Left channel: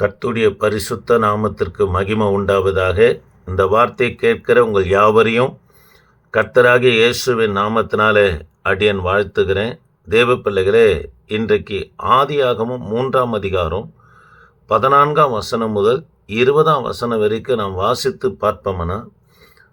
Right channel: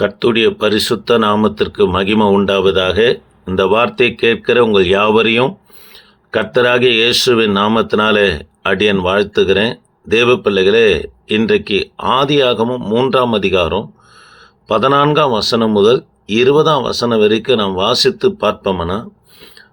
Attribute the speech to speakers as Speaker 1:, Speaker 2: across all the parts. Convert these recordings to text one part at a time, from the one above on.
Speaker 1: கர்த்துடைய பரிசுத்த நாமத்திற்கு மகிமை உண்டாவதாக இந்த வார்த்தை கேட்கிற உங்கள் யாவரையும் கர்த்தராகிய இயேசுவின் நாமத்தினாலே அடியன் வாழ்த்துகிறேன். தேவ பிள்ளைகளே இன்றைக்கு ஆதியாகமும் மூன்றாம் அதிகாரம் பதினான்காம் வசனம் முதல் இருபதாம் வசனம் வரைக்கும் நாம் வாசித்து பார்ப்போம்னா?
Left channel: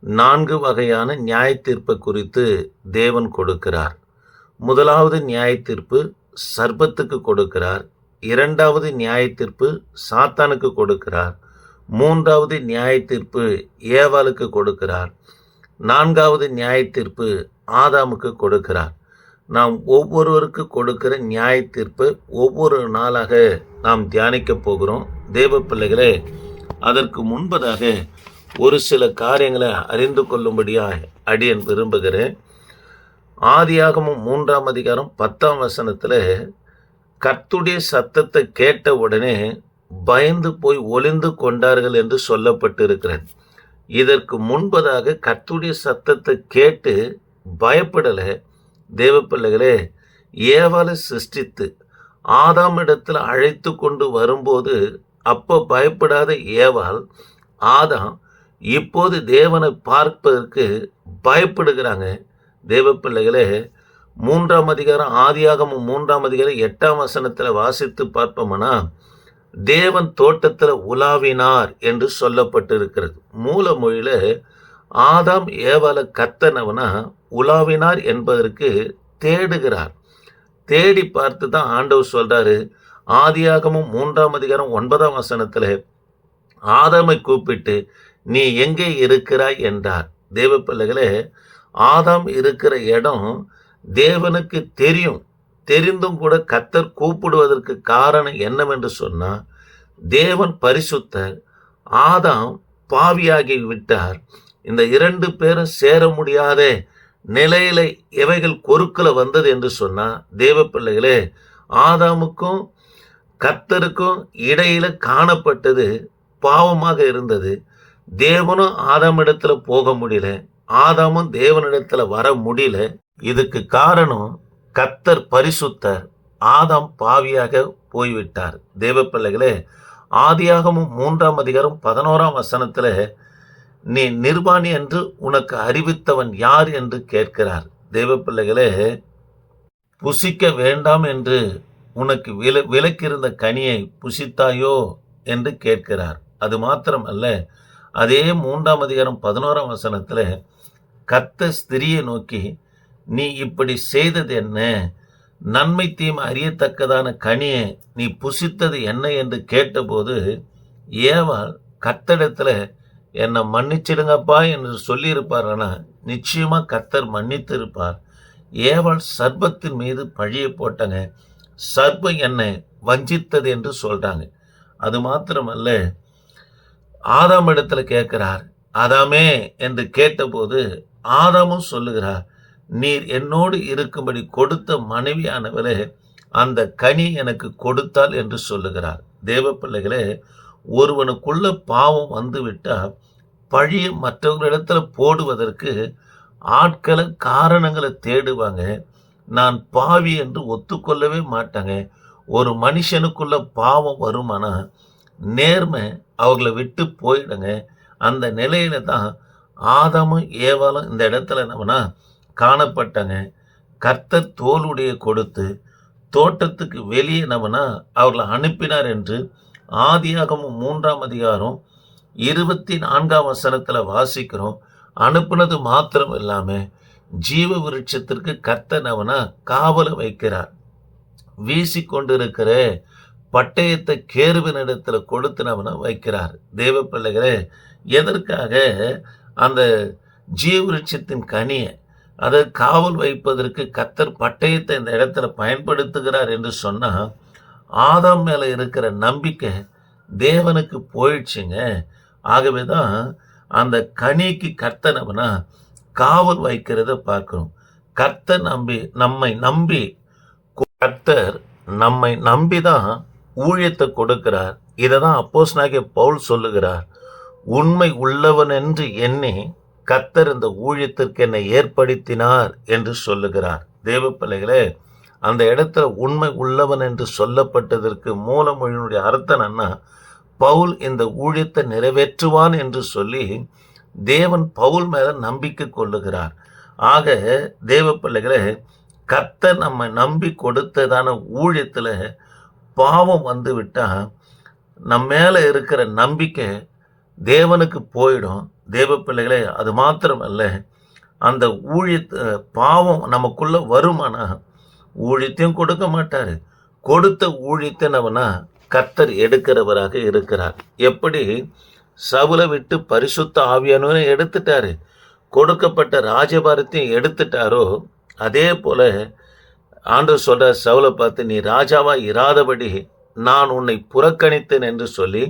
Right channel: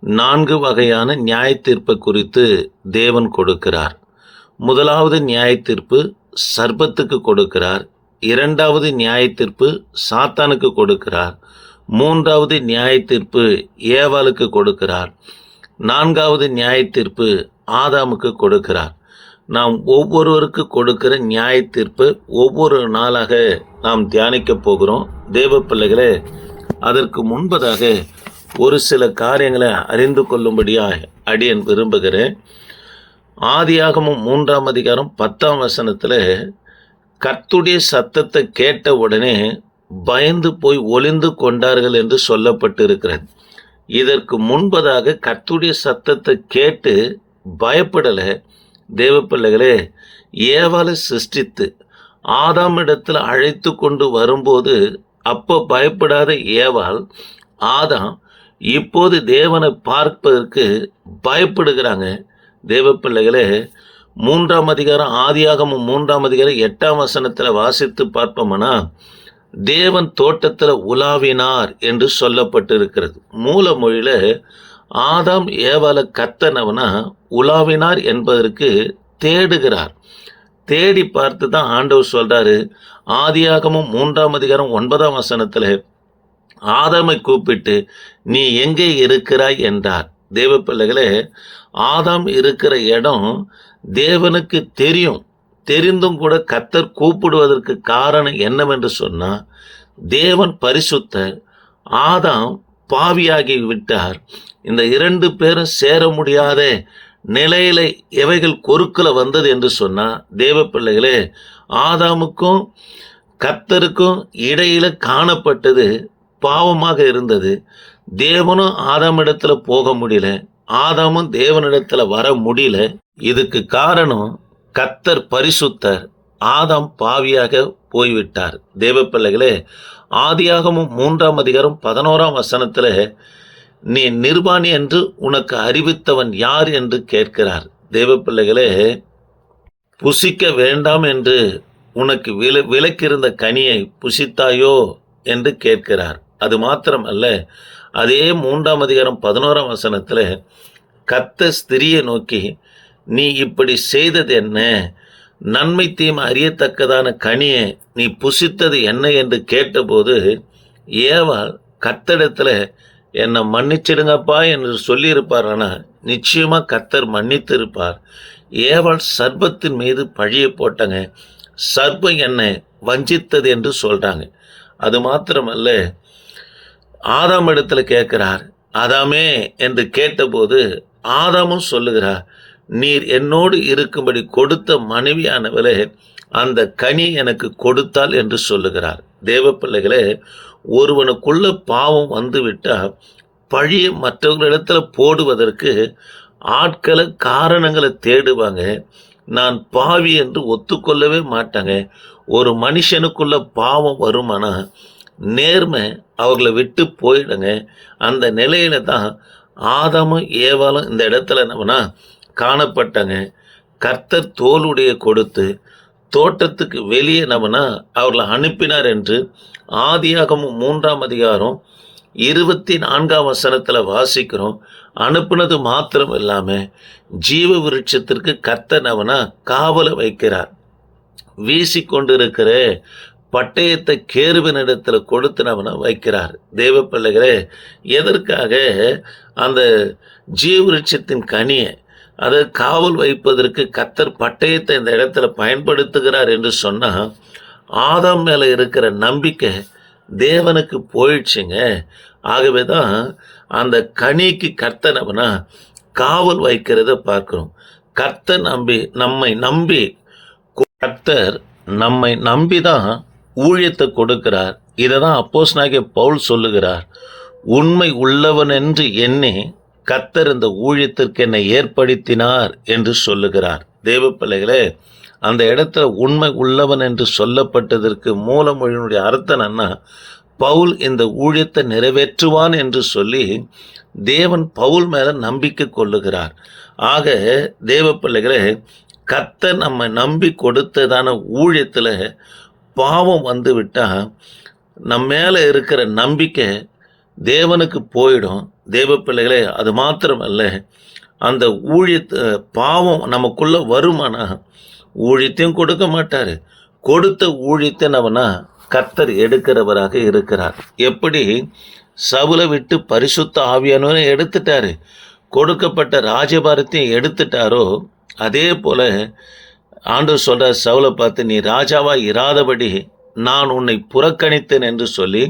Speaker 1: நான்கு வகையான நியாய தீர்ப்பை குறித்து தேவன் கொடுக்கிறார். முதலாவது நியாய தீர்ப்பு சர்பத்துக்கு கொடுக்கிறார். இரண்டாவது நியாய தீர்ப்பு சாத்தானுக்கு கொடுக்கிறார். மூன்றாவது நியாய தீர்ப்பு ஏவாளுக்கு கொடுக்கிறார். நான்காவது நியாய தீர்ப்பு ஆதாமுக்கு கொடுக்கிறார். நாம் ஒவ்வொருவருக்கு கொடுக்கிற நியாய தீர்ப்பு ஒவ்வொரு நாளாக நாம் தியானிக்க போகிறோம். தேவ பிள்ளைகளே அதற்கு முன்பதாக ஒரு சில காரியங்களை அறிந்து கொள்ளும்படியாக அடியன் விரும்புகிறேன். ஆதியாகமும் மூன்றாம் அதிகாரம் பத்தாம் வசனத்தில் கர்த்துடைய சத்தத்தை கேட்ட உடனே பயந்து போய் ஒளிந்து கொண்டார்கள் என்று சொல்லப்பட்டிருக்கிறது. இதற்கு முன்பதாக கர்த்துடைய சத்தத்தை கேட்டு பயப்படலை. தேவ பிள்ளைகளே ஏவாளை சிருஷ்டித்து ஆதாமிடத்தில் அழைத்து கொண்டு வரும்போது அப்போ பயப்படாத ஏவாள் ஆதாம் இப்போது தேவனை பார்ப்பதற்கு பயப்படுகிறாங்க. தேவ பிள்ளைகளே மூன்றாம் அதிகாரம் ஆதியாகமும் மூன்றாம் அதிகாரம் எட்டாம் வசனத்தில் வாசித்து பார்ப்போம்னா தேவன் தோட்டத்தில் உலாவினார் என்று சொல்லப்பட்டிருக்கிறது. மூல மொழியில் ஆதாம் ஏவால கத்தனவனா உலாவினார் என்பதற்கு தேடுகிறார். தேடி பார்த்து தான் ஆண்டவர் சொல்கிறாரு ஆதியாகமும் மூன்றாம் அதிகாரம் ஒன்பதாம் வசனத்தில் ஆதாமை கூப்பிட்டு நீ எங்கே இருக்கிறாய்? என்றார். தேவ பிள்ளைகளே ஆதாம் இருக்கிற இடம் தேவனுக்கு தெரியும் தெரிந்தும் கூட கத்தர் கூப்பிடுவதற்கு காரணம் என்னவென்று சொன்னால் தேவன் பரிசுத்தர் ஆதாம் பாவியாகி விட்டார். இந்த இரண்டு பேரும் சேர முடியாத நிலையில எவைகள் கொறுக்கில் வந்தது என்று சொன்னால் தேவ பிள்ளைகளே ஆதாமுக்கும் கத்தருக்கும் இடையில காணப்பட்டது பாவமாக இருந்தது. தேவனும் ஆதாமிடத்துல போக முடியல ஆதாமும் தேவனிடத்தில் வர முடியல. இதுக்கு காரணம் கத்தர் பரிசுத்தர் ஆதாம் பாவியாக போய்விட்டார். தேவ பிள்ளைகளே ஆதியாகமும் மூன்றாம் அதிகாரம் பதினோராம் வசனத்தில் நீ நிர்வாணி என்று உனக்கு அறிவித்தவன் யார் என்று கேட்கிறார். தேவ பிள்ளைகளே புசிக்க வேண்டாம் என்று உனக்கு வில விலக்கிருந்த கனியை புசித்தாயோ? என்று கேட்கிறார். அது மாத்திரமல்ல அதே மூன்றாம் அதிகாரம் பதினோராம் வசனத்தில் கத்த ஸ்திரியை நோக்கி நீ இப்படி செய்தது என்ன? நன்மை தீமை அறியத்தக்கதான கனியை நீ புசித்தது என்ன என்று கேட்டபோது ஏவாள் கத்தடத்தில் என்னை மன்னிச்சிடுங்கப்பா என்று சொல்லியிருப்பார். ஆனால் நிச்சயமாக கத்தர் மன்னித்து இருப்பார் ஏவாள் சர்பத்தின் மீது பழியை போட்டங்க. சர்பம் என்னை வஞ்சித்தது என்று சொல்கிறாங்க அது மாத்திரமல்ல ஆதாம் இடத்துல கேட்குறார். ஆதாமே என்று கேட்டபோது ஆதாமும் சொல்லுகிறார் நீர் என்னோடு இருக்கும்படி கொடுத்த மனைவியானவளே அந்த கனி எனக்கு கொடுத்தால் என்று சொல்லுகிறார். தேவ பிள்ளைகளே ஒருவனுக்குள்ள பாவம் வந்துவிட்டால் பழியை மற்றவர்களிடத்துல போடுவதற்கு ஆட்களை காரணங்களை தேடுவாங்க. நான் பாவி என்று ஒத்துக்கொள்ளவே மாட்டாங்க. ஒரு மனுஷனுக்குள்ள பாவம் வருமானா நேர்மை அவர்களை விட்டு போயிடுங்க. அந்த நிலையில தான் ஆதாமும் ஏவாலும் இந்த இடத்துல நம்மனா காணப்பட்டாங்க. கர்த்தர் தோலுடைய கொடுத்து தோட்டத்துக்கு வெளியே நம்மனா அவர்களை அனுப்பினார் என்று ஆதியாகமும் மூன்றாம் அதிகாரம் இருபத்தி நான்காம் வசனத்தில் வாசிக்கிறோம். அனுப்புனது மாத்திரம் இல்லாமல் ஜீவ விருட்சத்திற்கு கர்த்தர் அவனா காவலை வைக்கிறார். வீசி கொண்டிருக்கிற பட்டயத்தை கேருவினிடத்தில் கொடுத்து வைக்கிறார். தேவ பிள்ளைகளே எதற்காக அந்த ஜீவவிருட்சத்தின் கனியை அதை காவல் வைப்பதற்கு கத்தர் பட்டயத்தை இந்த இடத்துல பயன்படுத்துகிறார் என்று சொன்னால் ஆதாம் மேலே இருக்கிற நம்பிக்கை தேவனுக்கு போயிடுச்சுங்க. ஆகவே தான் அந்த கனிக்கு கர்த்தனவனா காவல் வைக்கிறத பார்க்கிறோம். கர்த்தர் நம்பி நம்மை நம்பி கர்த்தர் நம்மை நம்பி தான் ஊழியத்தை கொடுக்கிறார். இதை தான் அப்போஸ் நாகிய பவுல் சொல்லுகிறார். உண்மை உள்ளவன் என்று எண்ணி கத்தர் இந்த ஊழியத்திற்கு என்னை ஏற்படுத்தினார் என்று சொல்லுகிறார். தேவ பிள்ளைகளே அந்த இடத்துல உண்மை உள்ளவன் என்று சொல்லப்பட்டதற்கு மூலமொழியினுடைய அர்த்தம் என்ன? பவுல் இந்த ஊழியத்தை நிறைவேற்றுவான் என்று சொல்லி தேவன் பவுல் மேல நம்பிக்கை கொள்ளுகிறார். ஆக தேவ பிள்ளைகளே கத்த நம்ம நம்பி கொடுத்ததான ஊழியத்தில் பாவம் வந்து விட்டால் நம்ம மேலே இருக்கிற நம்பிக்கை தேவனுக்கு போயிடும். தேவ பிள்ளைகளே அது மாத்திரமல்ல அந்த ஊழியத்தை பாவம் நமக்குள்ள வருமானா? ஊழியத்தையும் கொடுக்க மாட்டார். கொடுத்த ஊழியத்தை நம்மனா கர்த்தர் எடுக்கிறவராக இருக்கிறார். எப்படி? சவுலை விட்டு பரிசுத்த ஆவியானவரை எடுத்துட்டாரு. கொடுக்கப்பட்ட ராஜபாரத்தையும் எடுத்துட்டாரோ? அதே போல ஆண்டு சொல்ற சவுலை பார்த்து நீ ராஜாவா இராதபடி நான் உன்னை புறக்கணித்தேன் என்று சொல்லி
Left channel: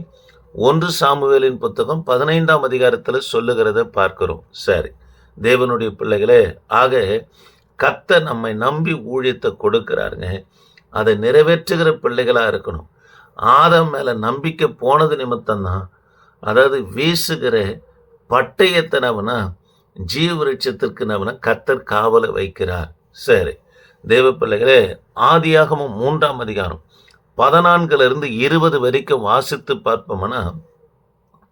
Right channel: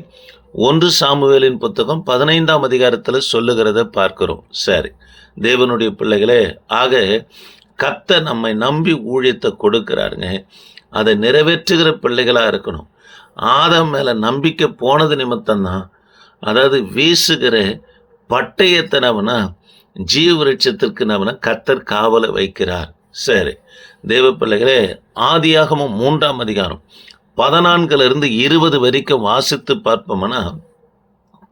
Speaker 1: ஒன்று சாமுவேலின் புத்தகம் பதினைந்தாம் அதிகாரத்தில் சொல்லுகிறத பார்க்கிறோம். சரி. தேவனுடைய பிள்ளைகளே ஆக கத்த நம்மை நம்பி ஊழியத்தை கொடுக்கிறாருங்க. அதை நிறைவேற்றுகிற பிள்ளைகளாக இருக்கணும். ஆதம் மேலே நம்பிக்கை போனது நிமித்தம்தான். அதாவது வீசுகிற பட்டயத்தை நவனா ஜீவ விருட்சத்திற்கு நம்மன கத்தர் காவலை வைக்கிறார். சரி. தேவ பிள்ளைகளே ஆதியாகமும் மூன்றாம் அதிகாரம். பதினான்குல இருந்து இருபது வரைக்கும் வாசித்து பார்ப்போம்னா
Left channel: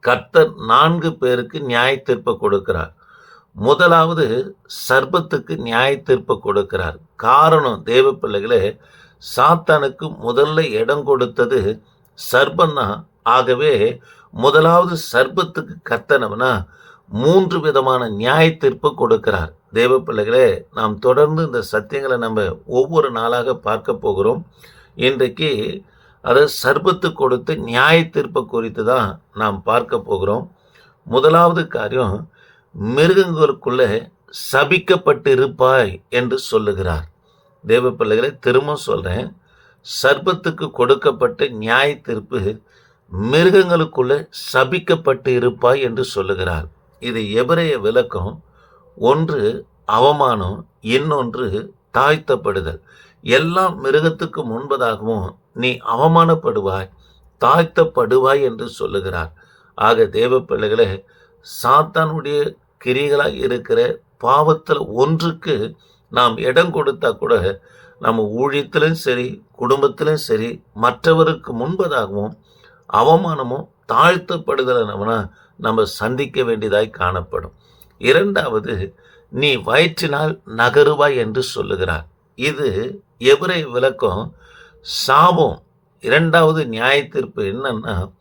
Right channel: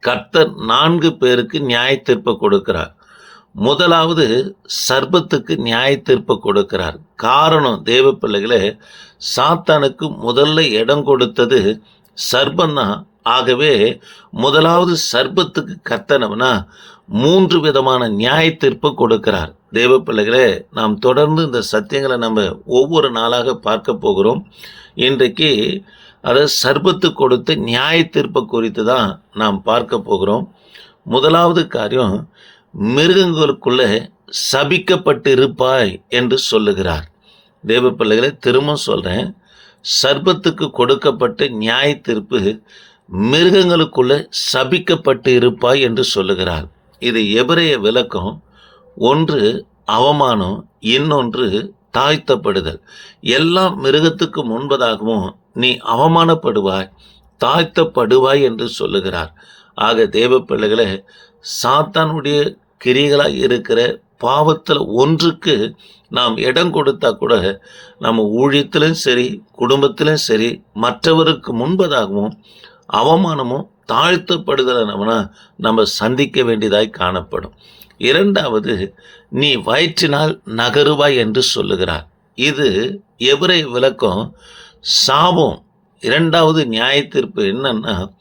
Speaker 1: கர்த்தர் நான்கு பேருக்கு நியாய தீர்ப்பு கொடுக்கிறார். முதலாவது சர்பத்துக்கு நியாய தீர்ப்பு கொடுக்கிறார். காரணம் தேவ பிள்ளைகளே சாத்தானுக்கு முதல்ல இடம் கொடுத்தது சர்பந்தான் ஆகவே முதலாவது சர்பத்துக்கு கத்தனம்னா மூன்று விதமான நியாய தீர்ப்பு கொடுக்கிறார். தேவ பிள்ளைகளே நாம் தொடர்ந்து இந்த சத்தியங்களை நம்ம ஒவ்வொரு நாளாக பார்க்க போகிறோம். இன்றைக்கு அதை சர்பத்து கொடுத்து நியாய தீர்ப்பு குறித்து தான் நாம் பார்க்க போகிறோம். முதலாவது காரியம் மிருகங்களுக்குள்ளே சபிக்கப்பட்டிருப்பாய் என்று சொல்லுகிறார். தேவ பிள்ளைகளை திரும்ப சொல்கிறேன் சர்பத்துக்கு கொடுக்கப்பட்ட நியாய தீர்ப்பு மிருகங்களுக்குள்ளே சபிக்கப்பட்டு இருப்பாய் என்று சொல்லுகிறார். இது எவரைய விளக்கம் ஒன்று அவமானம் இன்னொன்று தாழ்த்தப்படுதல். எல்லாம் மிருகத்துக்கு முன்பதாகவும் நீ அவமானப்படுவாய் தாழ்த்தப்படுவாய் என்று சொல்லுகிறார். ஆக தேவ பிள்ளைகளே சாத்தானுடைய கிரிகளாக இருக்கிற பாவத்தில் ஒன்றுக்கு நாம் இடம் கொடுத்தா கூட நம்ம ஊழியத்திலும் சரி குடும்பத்திலும் சரி மற்றவருக்கு முன்பதாகவும் அவமானமும் தாழ்த்தப்படுதலை நம்ம நம்ம சந்திக்க வேண்டியதாய் காணப்படும். இரண்டாவது நீ வயிற்றினால் நகருவாய் என்று சொல்லுகிறார். இது எவரை விளக்கம். சாபம். இரண்டாவது நியாய தீர்ப்பு என்னன்னா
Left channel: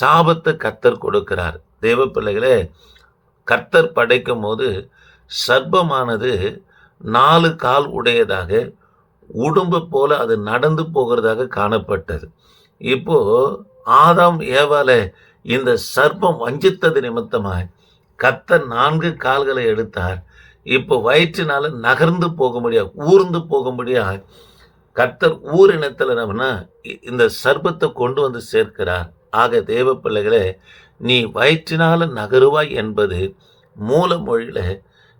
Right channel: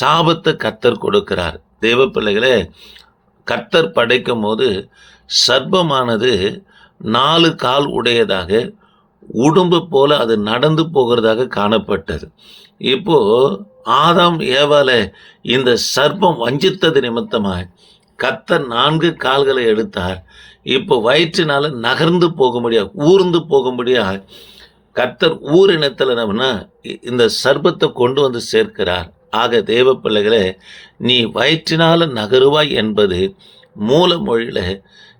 Speaker 1: சாபத்தை கத்தர் கொடுக்கிறார். தேவ பிள்ளைகளே கத்தர் படைக்கும் போது சர்ப்பமானது நாலு கால் உடையதாக உடும்பு போல அது நடந்து போகிறதாக காணப்பட்டது. இப்போ ஆதாம் ஏவால இந்த சர்ப்பம் வஞ்சித்தது நிமித்தமாக கர்த்தர் நான்கு கால்களை எடுத்தார். இப்போ வயிற்றினால நகர்ந்து போக முடியாது ஊர்ந்து போக முடியாது கர்த்தர் ஊரினத்தில் நம்மனா இந்த சர்பத்தை கொண்டு வந்து சேர்க்கிறார். ஆக தேவ பிள்ளைகளே நீ வயிற்றினால நகருவாய் என்பது மூல மொழியில்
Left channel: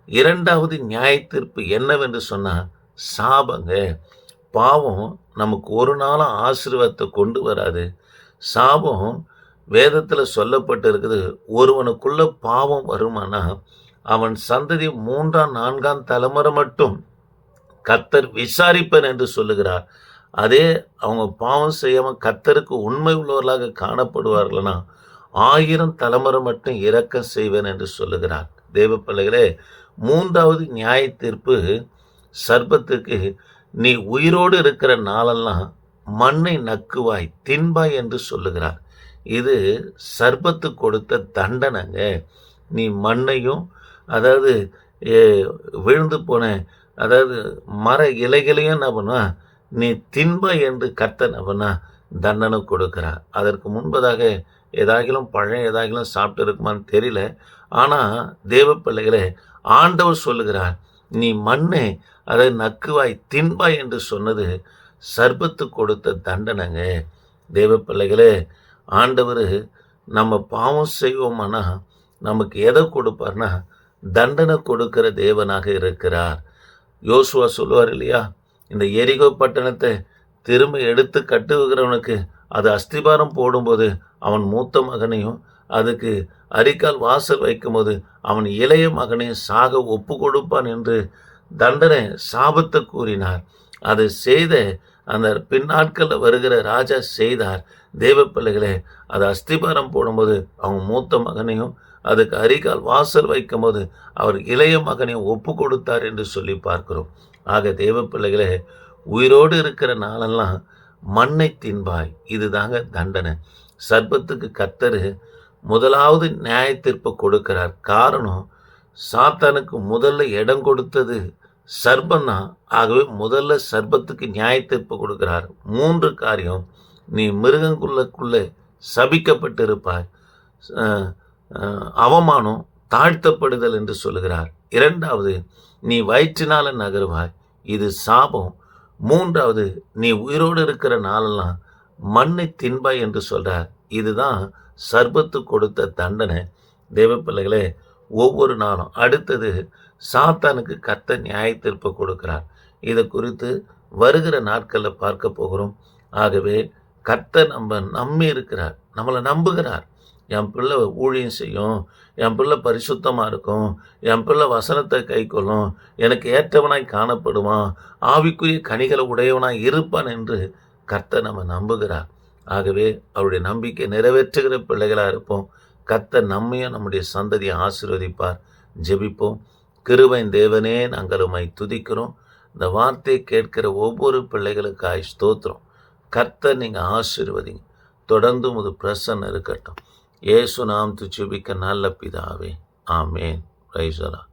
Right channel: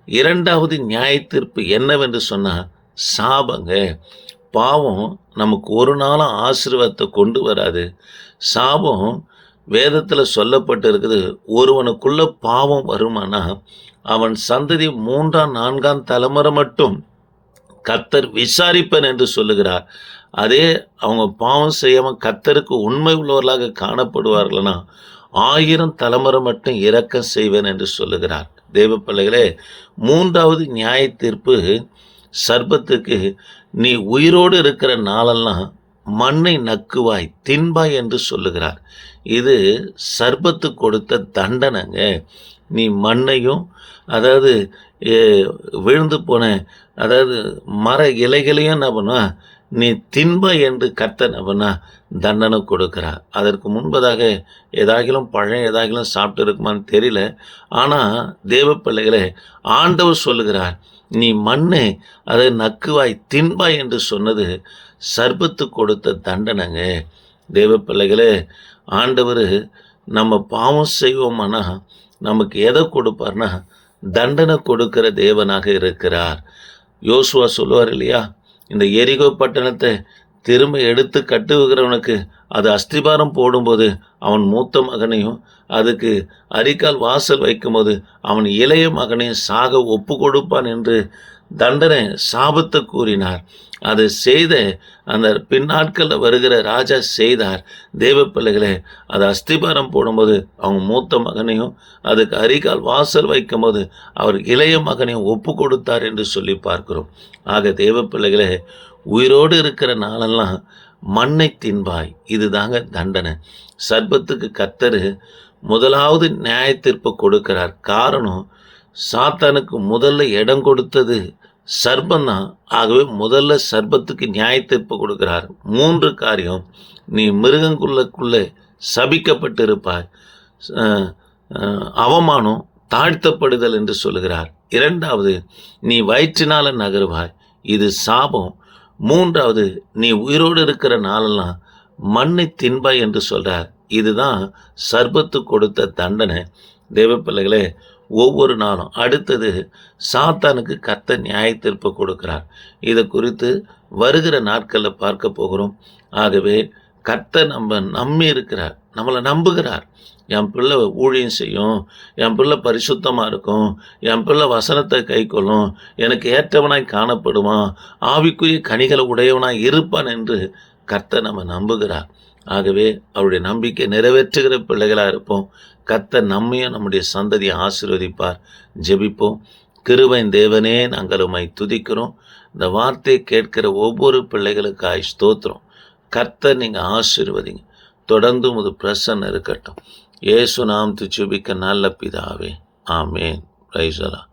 Speaker 1: இரண்டாவது நியாய தீர்ப்பு என்னவென்று சொன்னால் சாபங்க. பாவம் நமக்கு ஒரு நாளும் ஆசீர்வாதத்தை கொண்டு வராது. சாபம் வேதத்தில் சொல்லப்பட்டு இருக்குது ஒருவனுக்குள்ள பாவம் வருமானா அவன் சந்ததி மூன்றாம் நான்காம் தலைமுறை மட்டும் கத்தர் விசாரிப்பன் என்று சொல்லுகிறார். அதே அவங்க பாவம் செய்யாமல் கத்தருக்கு உண்மை உள்ளவர்களாக காணப்படுவார்கள்னா ஆயிரம் தலைமுறை மட்டும் இறக்கம் செய்வேன் என்று சொல்லுகிறார். தேவ பிள்ளைகளே மூன்றாவது நியாய தீர்ப்பு சர்ப்பத்துக்கு நீ உயிரோடு இருக்கிற நாளெல்லாம் மண்ணை நக்குவாய் தின்பாய் என்று சொல்லுகிறார். இது சர்பத்து கொடுத்த தண்டனைங்க. நீ மண்ணையும் அதாவது ஏ, விழுந்து போன அதாவது மர இலைகளையும் என்ன பண்ணுவா? நீ தின்ப என்று கத்த அப்படின்னா தண்டனை கொடுக்கிறார். அதற்கு முன்பதாக ஏதாகிலும் பழம் ஏதாகிலும் சாப்பிட்டு இருக்குமான்னு தெரியல. ஆனால் தேவ பிள்ளைகளை ஆண்டவர் சொல்லுகிறார் நீ மண்ணை அதை நக்குவாய் தின்பாய் என்று சொன்னது சர்பத்து கொடுத்த தண்டனைங்க. தேவ பிள்ளைகளே ஆண்டவர் நம்ம பாவம் செய்வோம்னா நமக்கு எதை கொடுப்பார்னா தண்டனை கொடுக்கிற தேவனாக இருக்கிறார். யோசுவா சொல்லுவார் இல்லையா? இந்த எரிகோ பட்டணத்தை திரும்ப எடுத்து கட்டுகிறவனுக்கு அது அஸ்திபாரம் போடும்போது அவன் மூத்த மகனையும் அதுக்கு அரிக்கால் வாசல் வைக்கும்போது அவன் இளைய மகனையும் சாக ஒப்பு கொடுப்பான் என்று தண்டனை சாபத்தை கூறினார். அதை செய்த அந்த பின்னாட்களில் வருகிற ராஜா செய்தார். தேவ பிள்ளைகளே அது அஸ்திபாரம் போடும்போது அவங்க மூத்த மகனையும் அதுக்கு அரிகால் வாசல் வைக்கும்போது அவர் இளைய மகனையும் ஒப்பு கொடுத்தார் என்று சொல்லி பார்க்கிறோம். ஆக தேவ பிள்ளைகளே உயிரோடு இருக்கிற நாளெல்லாம் மண்ணை தின்பாய். இதுதாங்க தண்டனை. சர்பத்துக்கு கத்தரு முதலாவது நியாயத்தீர்ப்பு கொடுக்கிறார். காரணம் சாத்தானுக்கு முதல்ல இடம் கொடுத்தது சர்பம் தான் ஆகவே முதல்ல சர்ப்பத்துக்கு நியாய தீர்ப்பு கொடுக்கிறார். மூன்று காரியம். நீ மிருகங்குள்ளக்குள்ளே சபிக்கப்பட்டிருப்பாய். அவமானம் தாழ்த்தப்படுதல் என்று சொல்லுகிறார் இரண்டாவது நீ வயிற்றினால நகருவாய். இது சாபம். மூன்றாவது நீ உயிரோடு இருக்கிற நாளெல்லாம் மண்ணை தின்பாய் என்று சொல்கிறார் இதுதான் சர்பத்து கொடுத்த தண்டனை. தேவப்பிள்ளைகளே ஒவ்வொரு நாளும். அடுத்தது சாத்தானுக்கு கத்த நியாய கொடுக்கிறார். இதை குறித்து வருகிற நாட்களில் பார்க்க போகிறோம். ஆகவே கத்த நம்ம நம்பி இருக்கிறார். நம்மளை நம்புகிறார். என் பிள்ளை ஊழியம் செய்யும். என் பிள்ளை பரிசுத்தமாக இருக்கும். என் பிள்ளை வசனத்தை கைக்கொள்ளும் எனக்கு ஏற்றவனாய் காணப்படுவான். ஆவிக்குரிய கனிகளை உடையவனாய் இருப்பான் என்று கர்த்தர் நம்ம நம்புகிறார். ஆகவே அவருடைய நம்பிக்கை நிறைவேற்றுகிற பிள்ளைகளாக இருப்போம். கர்த்தர் நம்மையும் நம்முடைய சந்ததியை ஆசீர்வதிப்பார். ஜெபிப்போம். கிருபையின் தேவனே நாங்கள் உம்மை துதிக்கிறோம். இந்த வார்த்தையை கேட்கிற ஒவ்வொரு பிள்ளைகளுக்காய் ஸ்தோத்திரம். கர்த்தர் நீங்கள் ஆசீர்வதிங்க. தொடர்ந்து உமது பிரசன்ன இருக்கட்டும். ஏசு நாம் துச்சுபிக்க நல்ல பிதாவே. ஆமேன். ரைசலா